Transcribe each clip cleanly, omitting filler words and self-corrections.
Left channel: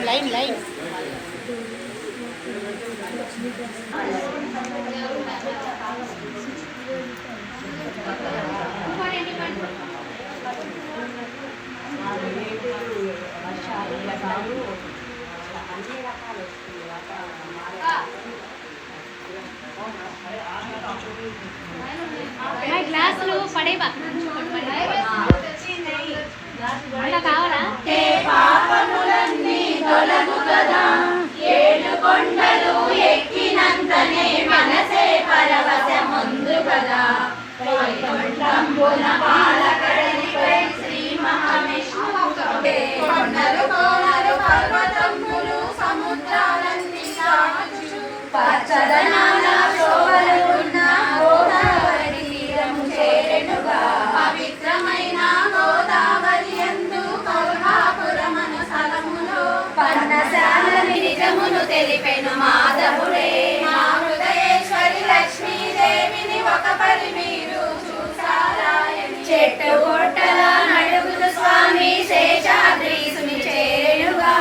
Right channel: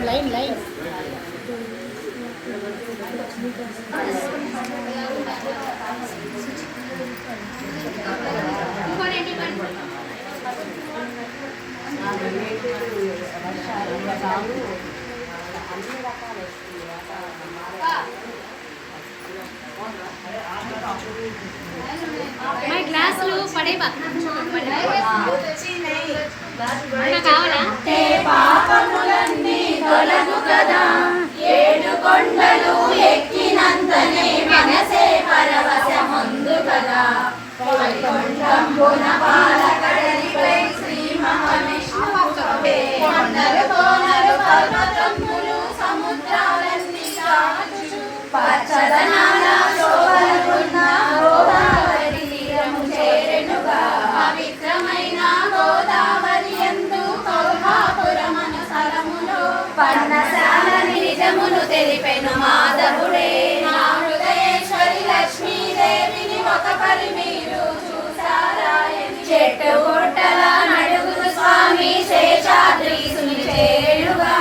Line line గ్లాసులు పడేవా కావాలా పాపములన్నీ తొలగు కదా ఏడు కొండలు ఎక్కినంతనే మనసే పరవశముందు కదా వైకుంఠంబున పాలకడలిపై శ్రీ మహావిష్ణువు కొండలు కోనలు పర్వతములు సముద్రాలన్నీ దాటుచు పచ్చదనాల శోభలున్న గోదావరి తీరము చేరెనుగా పవిత్రమైన గోదావరి యందు కౌహాపురమను స్థలములో పర్ణశాల నిజమును తెలిపెను మాధవుడే నా హృదయేశ్వరి లక్ష్మీదేవిని ఒక పరి మీరు చూసారాయని చెట్టు పుట్టల నడుగుతు స్వామి శేషాద్రీసుని చేరుగా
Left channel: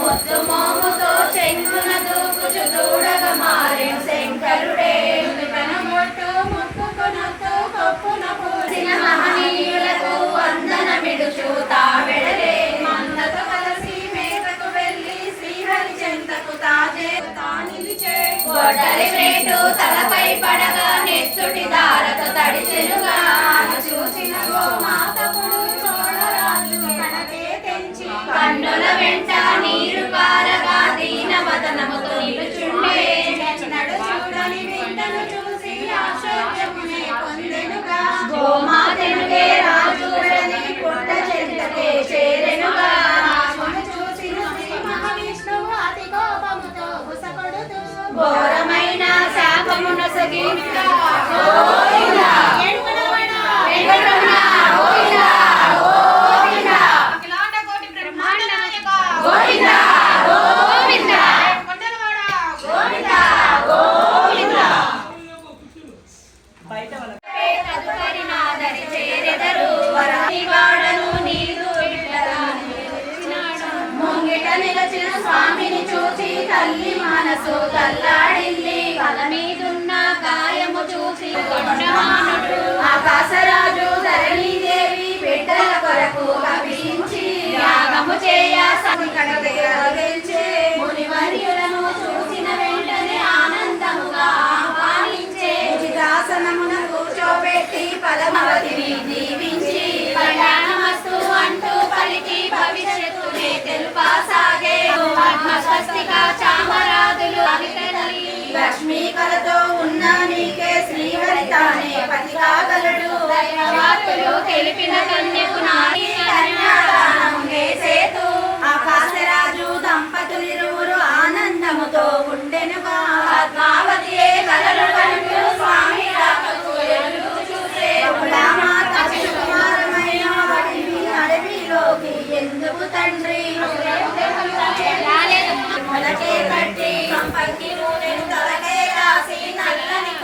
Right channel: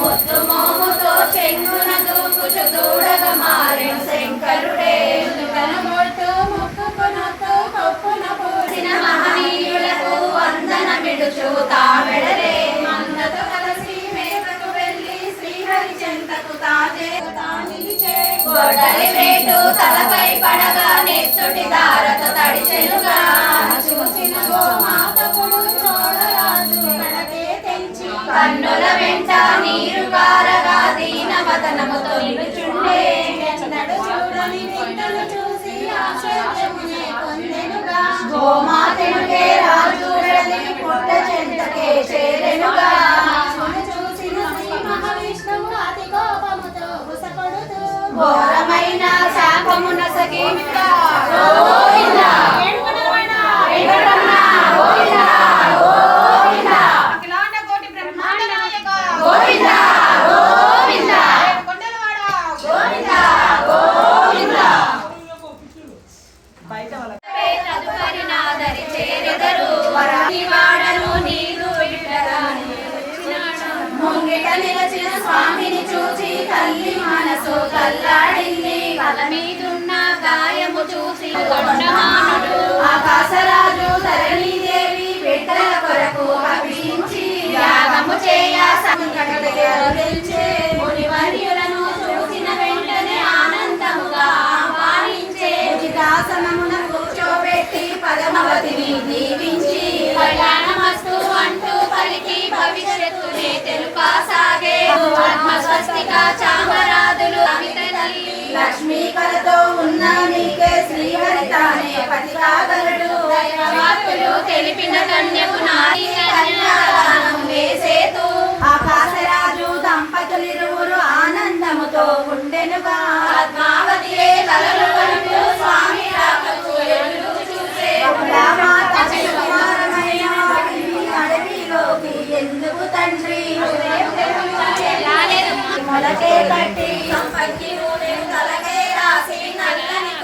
ముద్దు మోముతో చెంగున దూకుచు దూడగ మారెను శంకరుడే మొట్టు ముక్కునొత్తు కొప్పున పూసిన మహనీయులకు వందన విడుచు తావెడరే మందతో కలిసి మేతకు వెళ్ళి శ్రీహరి చెంతకు తానిలిచే గొడ్డలి వేటు తలపై పడగా నెత్తుటి దారతో తడిచెనుగా చూసిన గోమాతకుడు చోడరాజు కడకే తెంచి కన్నుల వెంట నీరు కారగా దీన మదనముతో ఇడుచుండే నడు చూడని బిడ్డను చూసి ఆశ్చర్యమునే పొందెనుగా గోమాతనుకే రాజుడని పుట్ట చెంతకే చేరెనుగా చూసిన శ్రీ మహావిష్ణువు అతి కోపముతో గుసకొడుతూ ఘోరమైన శాపమున సగినుగా గోవిందా నిలచిన స్వామిని చూచి తల్లి మనసు కల్లాడింది కల మీదున్న గాయము చూసి కొండమానుడు ఆకాశరాజు ధరణీదేవి బిడ్డల కొరకు అభించి యాగము చేయ సంకటంచే మునివర్యులను చూసిన వెంటనే ఆనందముగా ఆహ్వానించే ఉచితాసనమున కూర్చోబెట్టి పదమవతిని దీవించి కళ్యాణమస్తు అంటూ పలికి భవిష్యత్తునే తెలుపాసాగే స్వస్తిక చామరాదులు లక్ష్మీ కలతో ఉన్న నీకే శ్రీహరి తానే పతి కాగలడు వార్తలు తెలిపిన కన్యకు నారీ కన్యాదానం వేసేతు ఆకాశరాజు దంపతులిరువురు ఆనందముతో ఉండెనుగా పద్మావతియే కలలు కంటూ స్వామి రాకకు ఎదురు చూసే అడవిలోకి ఎందుకు తండ్రి మొలకే కట్టి పక్కి తలకే రాసి నల్లని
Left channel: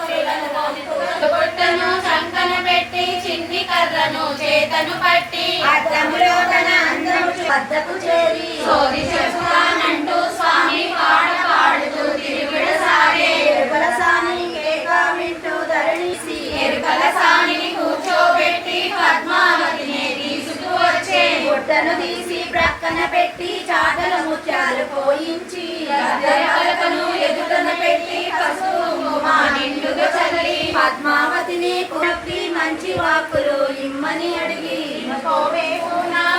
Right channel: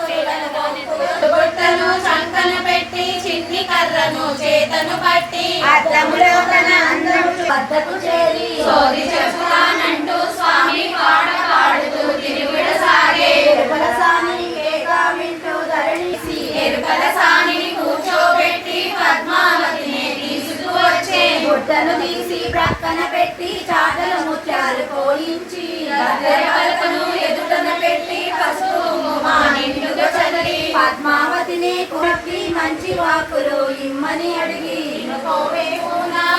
గుట్టను చంకన పెట్టి చిన్ని కర్రను చేతను పట్టి అద్దములో తన అందరూ వద్దకు చేరి సోది చెబుతానంటూ స్వామి పాట పాడుతూ తిరుగుడు సాగే ఎరుకల సాని కేగా వింటూ ధరణిసి ఎరుకల సానిని కూర్చోబెట్టి పద్మావతిని తీసుకు వచ్చే గుడ్డను తీసి ప్రక్కన పెట్టి చాటల ముత్యాలు పోయించి గద్దెరకలను ఎదుటన పెట్టి పసుపు కుంకుమ నిండుగా చల్లి పద్మావతిని కొట్టి మంచి వాక్కులు ఇమ్మని అడిగి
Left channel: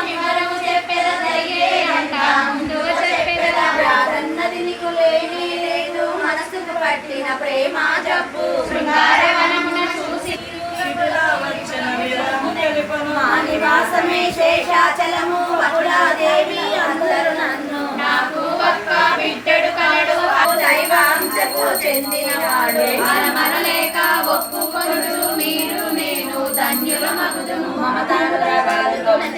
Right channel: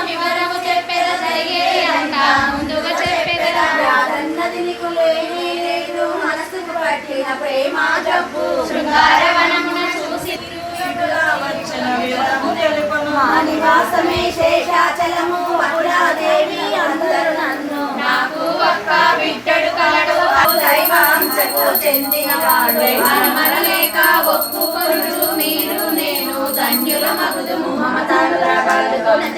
వివరము చెప్పేద జరిగేదంట ముందుగా చెప్పేద రాదన్నది నీకు లేని లేదు మనసుకు పట్టిన ప్రేమ జబ్బు శృంగారవనమున చూసి నివాసమే శేషాచలము అకులాదేవి అందరు నన్ను నాకు ఒక్క బిడ్డడు కలడు దైవాంశకు చెందినవాడు మనమనలేక ఒప్పుకొనుచు మీరు నేను ధన్యుల మగుదుము మమతలు గోవింద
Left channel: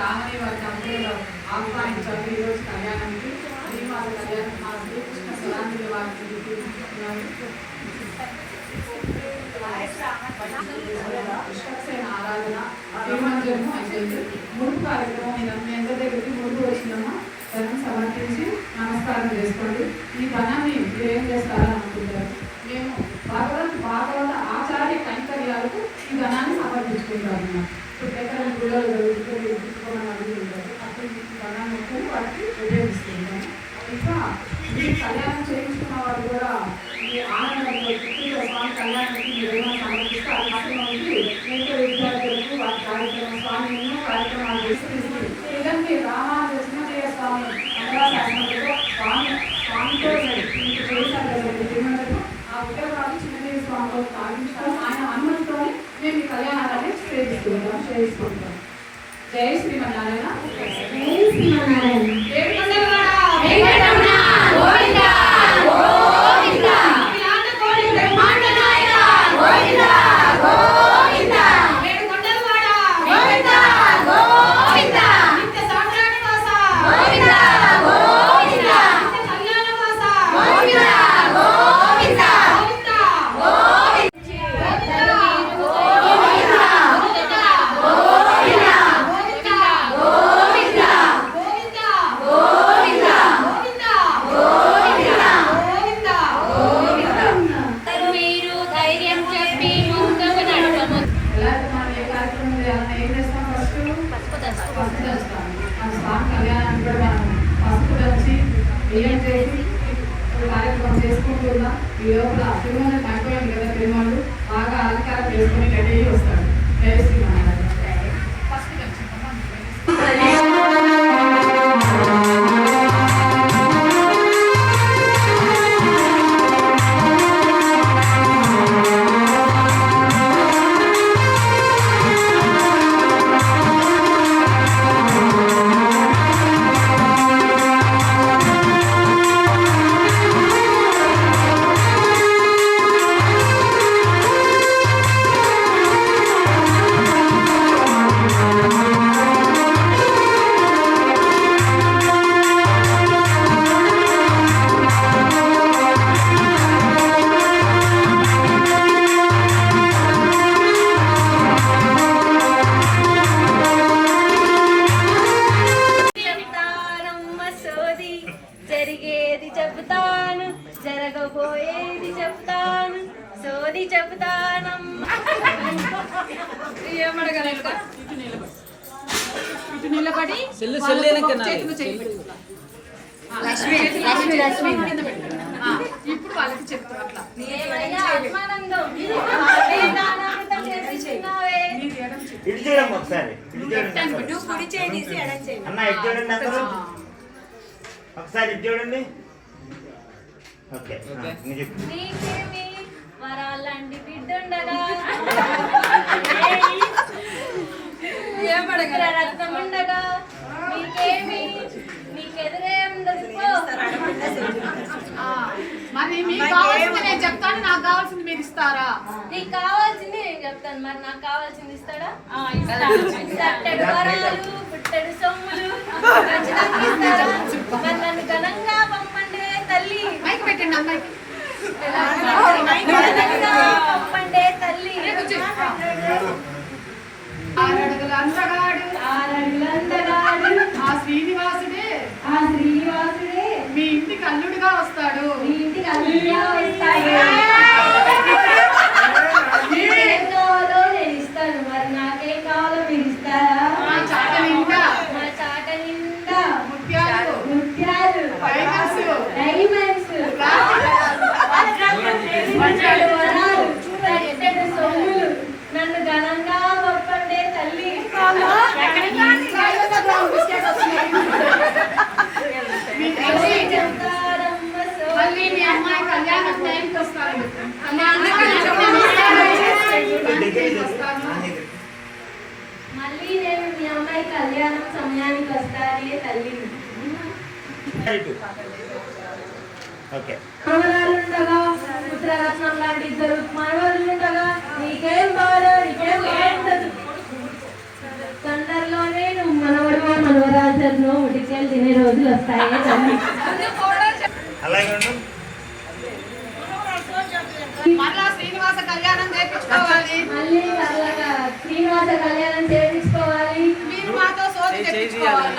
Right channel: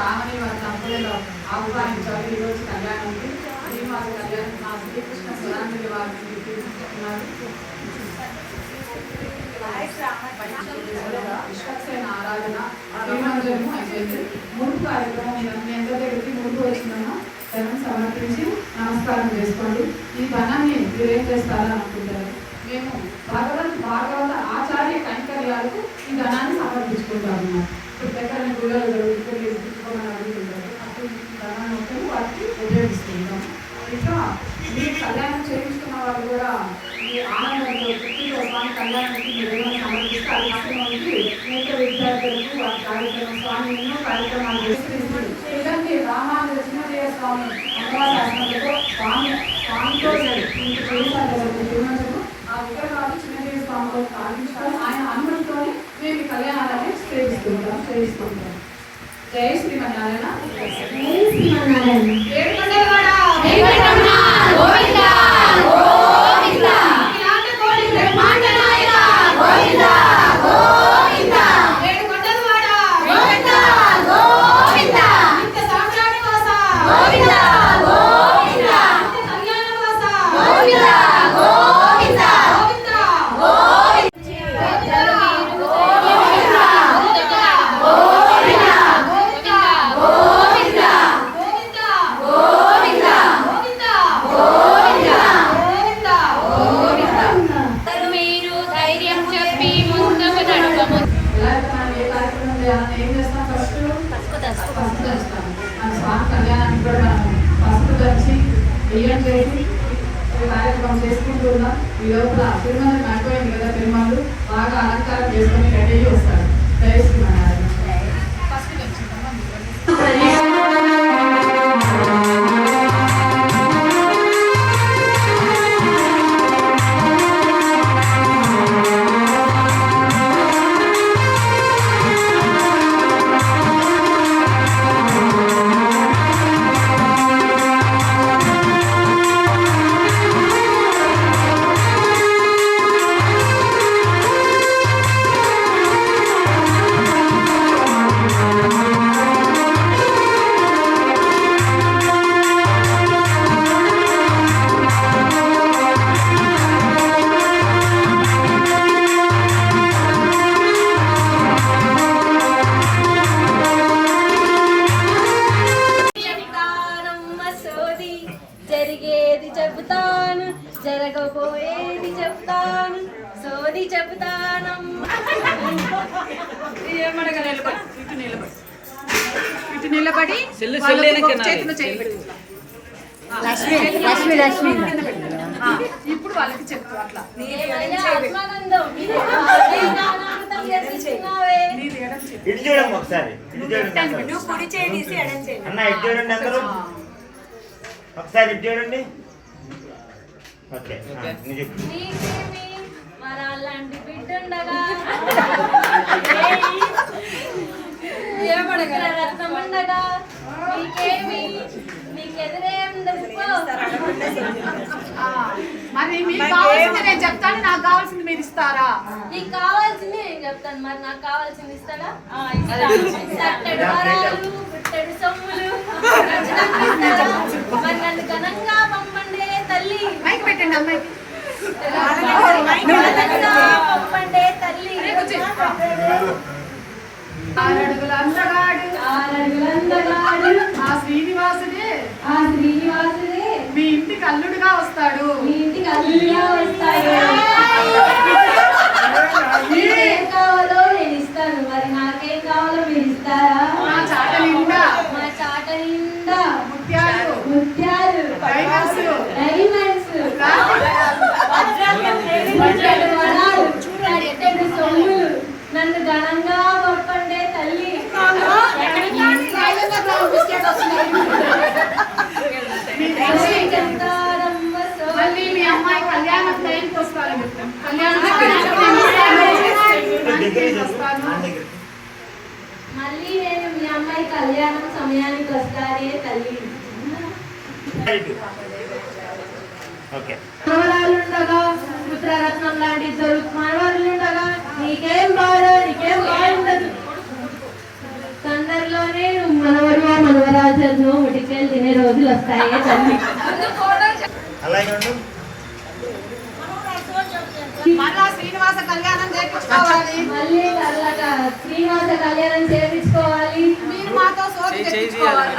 రామని వారి దంపతులు ఆహ్వానించాలి ఈరోజు కళ్యాణానికి. శ్రీవారి కళ్యాణం మా శ్రీకృష్ణ స్వరాంజలి వారిని విశ్వక్సేన ఆరాధన తిరుమంజనము అయిపోయింది. మూడు కార్యక్రమం మీ అందరి దగ్గరికి ముందు వచ్చిన ధనం సమర్పించి నమస్కారం చేసుకోండి. ఈ ధనాన్ని మీరు ఏం చేస్తారని అనుకుంటారు? మేము భాగవత ఆచార్య కైంకర్యాలకు ఈ ధనాన్ని సమర్పించుకుంటాము. ఇప్పుడు ఎక్కడ గుళ్ళలో జరుగుతుంది అప్పుడు ధనం వచ్చి వాటికి ఉపయోగిస్తుంటాం. ఇంకా మీరు కళ్యాణం చేయించుకున్న వాళ్ళు కూడా ఈ ఆనందంలో పుట్టిన స్వామి కళ్యాణానికి మీరు ఏమైనా సమర్పిస్తే అది మాత్రమే నేత విద్యార్థులకు వాటి కార్యక్రమం స్వామి ఎన్నో కార్యక్రమాలు చేసి ఇలాంటి రామాలక్ష్మీదేవ స్వామి అమరాశాసనంలో స్వామితో మీకు చేశారు తిరుమలకు ఆ విగ్రహాలు చిన్నదేవ స్వామితో స్థాపించడం ఆయన అనుమతితోనే మేము ఈ కళ్యాణాన్ని చేయిస్తుంటాం. జయ శ్రీమన్నారాయణ. జై శ్రీమన్నారాయణ. ఏం చేస్తాం? ఫస్ట్ చేస్తాం. స్వామి కళ్యాణానికి కూడా మనం ఫస్ట్ వచ్చి బియ్యం చేసి కార్యక్రమం చేసుకుంటున్నాం. ఈ లోపల తిరుమల అయిపోయింది కదా, తిరుమల బాగా అలంకారం చేసుకుని రెడీ అయ్యి వస్తాడు. జయ శ్రీమన్నారాయణ. ఫస్ట్ జరిగేది చెబుతాను, జరగబోయేది చెప్తాను, సోది చెబుతానమ్మ. ఇటు నిలబడి ఇప్పుడు వాళ్ళకి చెప్తారు అట్లా. ఇటు చూడండి ఒకసారి, అన్న ఇటు చూడండి అందరూ ఒకసారి, ఇటు చూడండి. ఓకే, నీకేమి వరాలంటి బిడ్డుండగా రత్నం ఉండగా నీకేమి, నీకెదురేం మరి మీకు కావాల్సింది నేను చెప్తాను, నాకు కావాల్సింది మీరు ఇస్తారా? నీకు కావాల్సింది నేను చెప్తాను, మరి నాకు కావాల్సింది ఇస్తాడా? తట్టెడు వరాలు, పుట్టెడు సొమ్ములు మరి నన్ను ఘనంగా పంపండే తల్లి. పెట్టండి అమ్మాయికి. పంపండే తల్లి. ఆరడుగుల అందగాడు ఆ శ్రీనివాసుడే మీ ఇంటికి అల్లుడుగా వస్తాడు. మీకేం కావాలో నేను ఇస్తాను, మరి నాకేం కావాలో మీరు ఇస్తారా? మా చాట నిండా ముత్యాలు, డైమండ్స్, వరాలు, పెట్టెడు సొమ్ములు నన్ను ఘనంగా ఒప్పండే తల్లి. మళ్ళీ మీ అమ్మాయి కళ్యాణం టైంకి వస్తాను. మళ్ళీ నేను మీ అమ్మాయి కళ్యాణం సమయానికి వస్తానే తల్లి. మనవరాలుండగా పుత్రరత్నం లాంటి ఇద్దరు మనవరులుండగా నీకేం బాధ, నీకేం ఉండదు. తొందరలోనే నువ్వు మనవరు చికెన్ తినే రోజులు వస్తాయి తల్లి. అలాగే ఉండు. మళ్ళా శ్రీనివాస కళ్యాణం చేయించుకోవాలి. మళ్ళీ అలాగా శ్రీనివాస కళ్యాణం చేయించుకోవాలి. మీరు మాతో సోది తెప్పించుకోవాలి.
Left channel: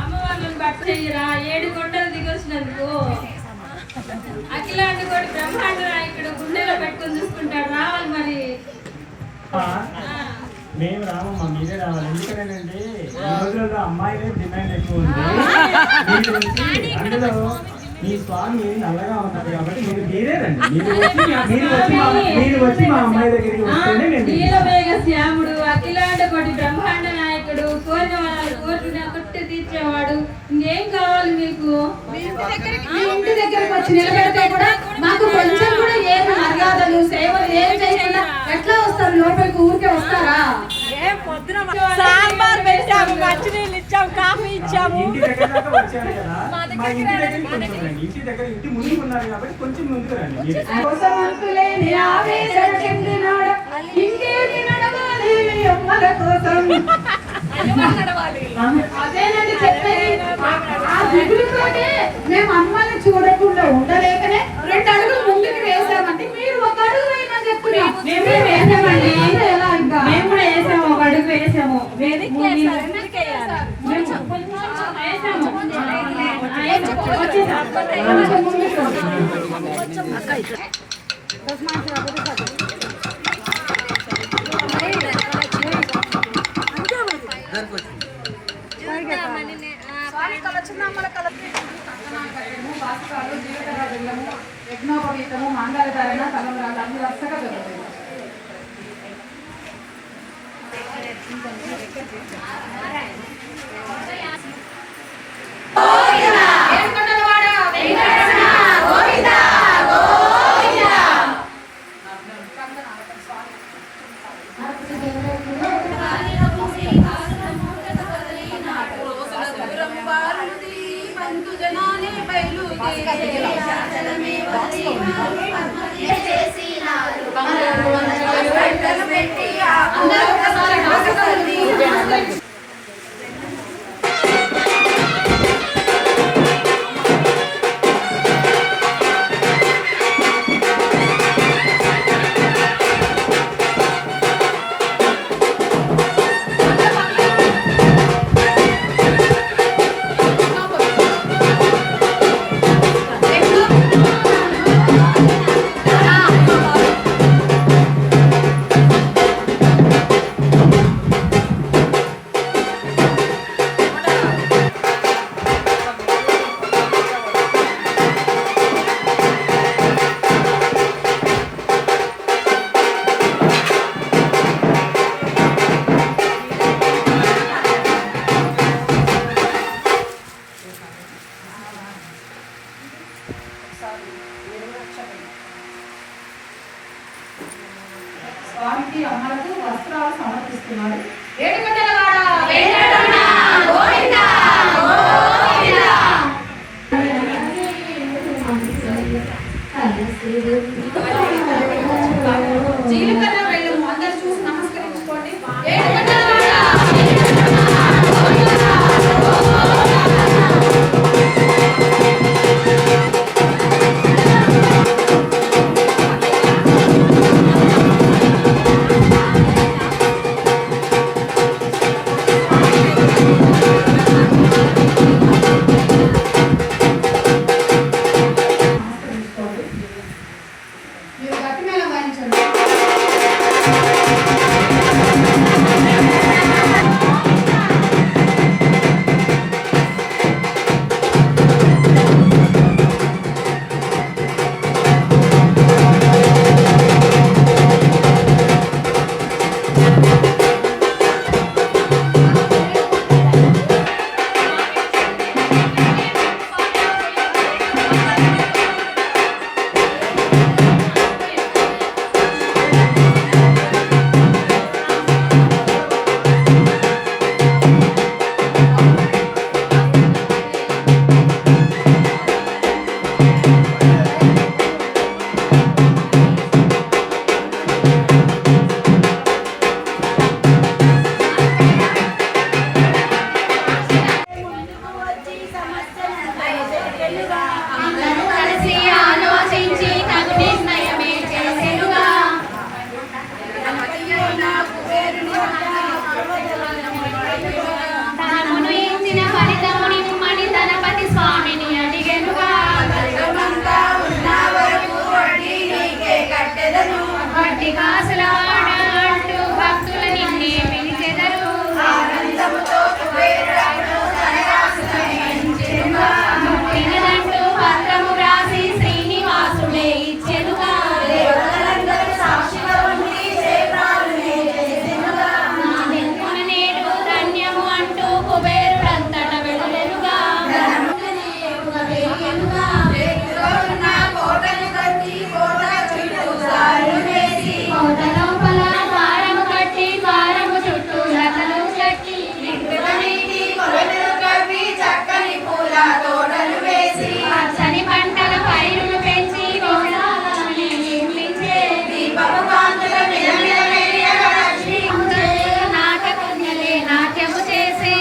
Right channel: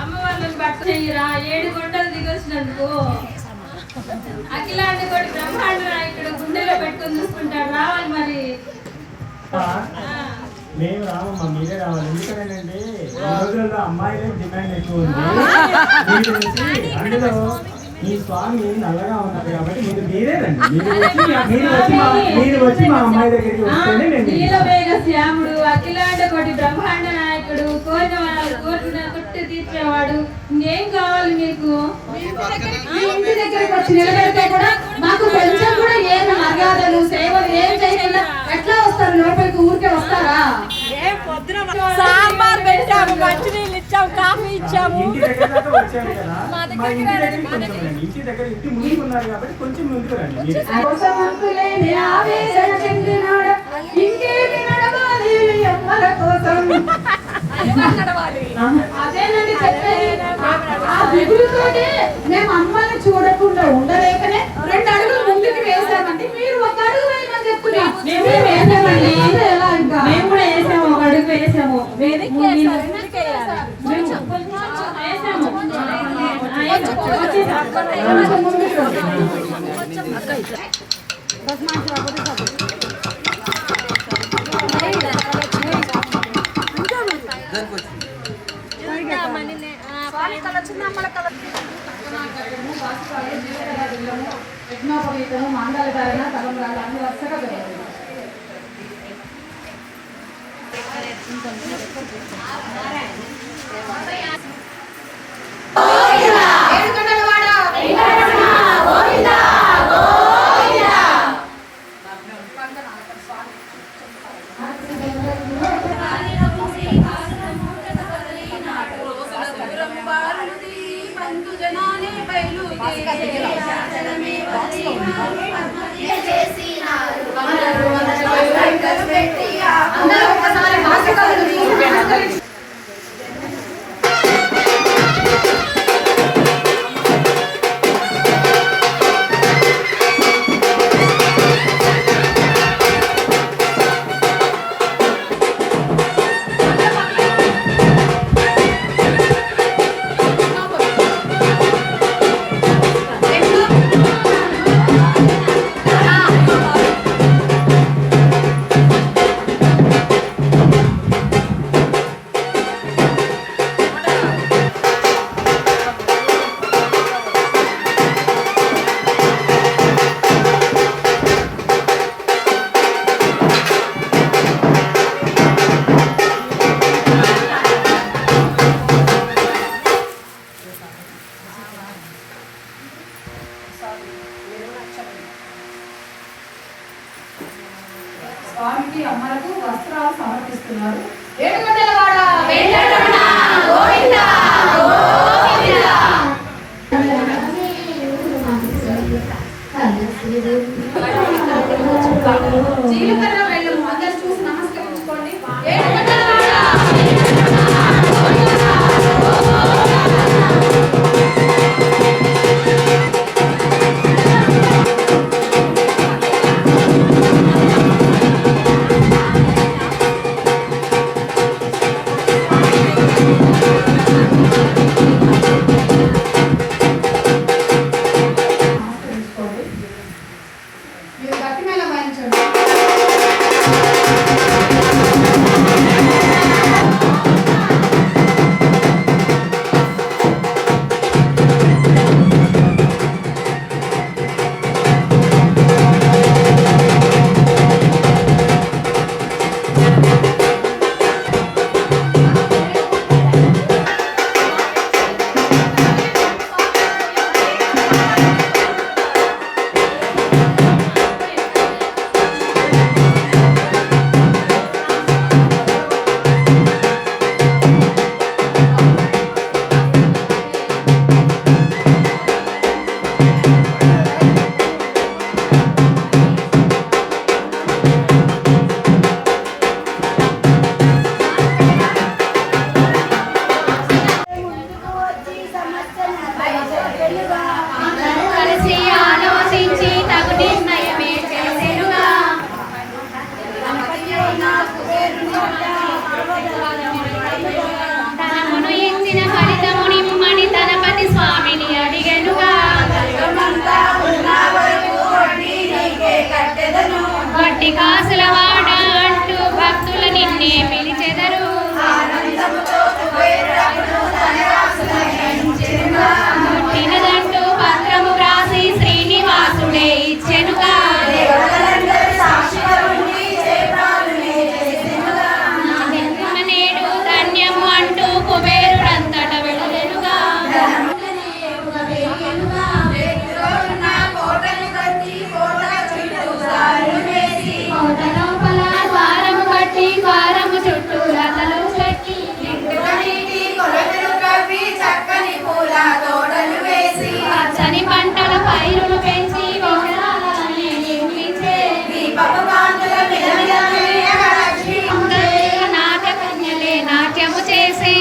అమ్మ వాళ్ళని బట్ట చెయ్యరా 7 కొండలు దిగొచ్చినందుకు అఖిలాంటి కూడా బ్రహ్మాండ నాయకుడు గుండెలో పెట్టుకొని చూసుకుంటాడు. రావాలి మరి. మేము రామమ్మ, మీరే రావాలి. ఎందుకంటే ఈ రోజుల్లో అమ్మాయిలే డిమాండ్ ఎక్కువ ఉంది. మీరు వచ్చి అందులో మీ స్వామి నల్లగా ఉన్నారు కాబట్టి మీరే రండి. మీరు వచ్చి మా అమ్మాయి దగ్గరికి వస్తేనే మేము నీలమేఘ శ్యాముడు అఖిలాండ కోటి బ్రహ్మాండ నాయకుడు కోరిన వాళ్ళ కోరిన కొట్టి తీర్చేవాడు. ఇంకేం కావాలి మీకు? మీ ఇంటి దగ్గరకు వచ్చి నిలబెడితే కూడా మాకు కొంచెం కూడా ఏం మర్యాదలు సేవలు ఏం చేయకుండా ఎట్లా వస్తారు? లోపలికి ఊరికే వస్తారా? సాంబార్ పెట్టాము, మంచినీళ్ళు ఇచ్చాము, కాఫీ ఇచ్చాము. ఇంటి దగ్గర దాకా వచ్చాను కదా, మా ఇంటి దగ్గరికి కొంచెం రండి. ఇంటి దగ్గర ఇంటి ముందుకు ఉన్నారు కాబట్టి కొంచెం ముందుకు రండి. మీరు కోసమంతులేని ఆవేశం చెందినాడు ఇంకేటి నడవాలి అమ్మల కోసం. అదేనండి చెప్పేది. ఆ దిగులుతోటి మేము అమ్మని చూడకుండా ఉండలేకనే 2 అడుగులు ముందుకు వేసామంటే మీరు 1 అడుగు వేయమని చెప్తున్నాం. మేము కూడా వేసామండి. మేము కూడా వేసాము, 1 అడుగు వేసాము. యజ్ఞోపవీతము మంగళకరణ తలంబ్రాలు అన్ని వరుసగా జరుగుతుంది. అందరూ ఒకసారి స్వామికి అమ్మలకు వస్త్రాలు సమర్పిస్తున్నారు. ఏడుకొండలవాడ వెంకటరమణ గోవింద గోవింద. జీలకర్ర బెల్లము అందరూ చూసి నమస్కరించుకోండి. కొట్టి కాసులవాడ అంటూ భక్తులు నిన్నే పిలిచెదరు తినదంటూ పత్రము రాసి శ్రీనివాసుడే ఇచ్చెనుగా నేడు ధన్యము అంటూ కుబేరుడంతట వెళ్ళెనుగా కారము కట్టి కారము చుట్టూ లతలు కట్టి పచ్చని పంటల పైరులు పెంచి నాటకన్యలే నాట్యము చేసి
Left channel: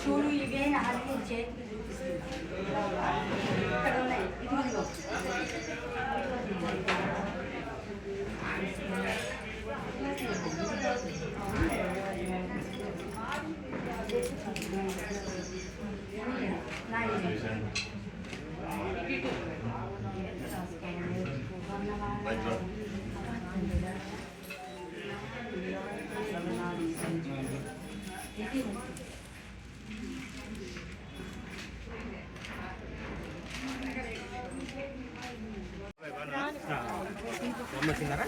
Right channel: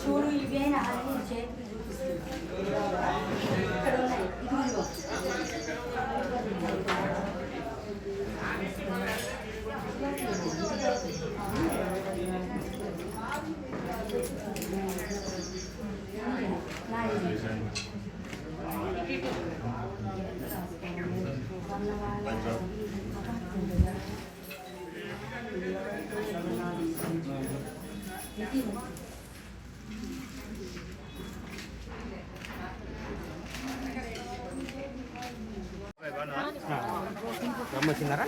చూడు ఇవే ఇక్కడ ఉన్నాయి ఇదిగో రమ్మొచ్చినారా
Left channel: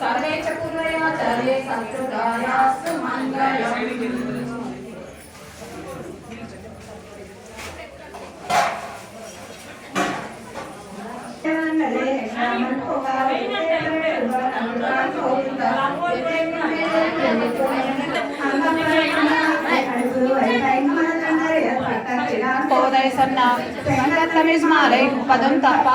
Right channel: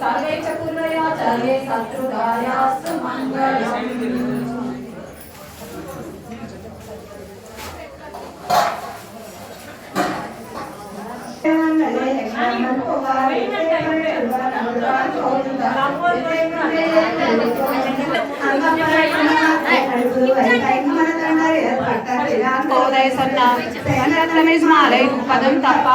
सर्वे च कुर्वयाचार्ये सत्कृतायास्तु मङ्गलम्। పదం తప్ప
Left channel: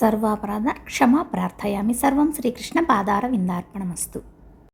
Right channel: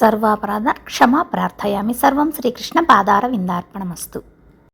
సర్వాపరాధ క్షమా ప్రార్థయామి. సర్వం శ్రీకృష్ణ పాదార విందార్పణమస్తు.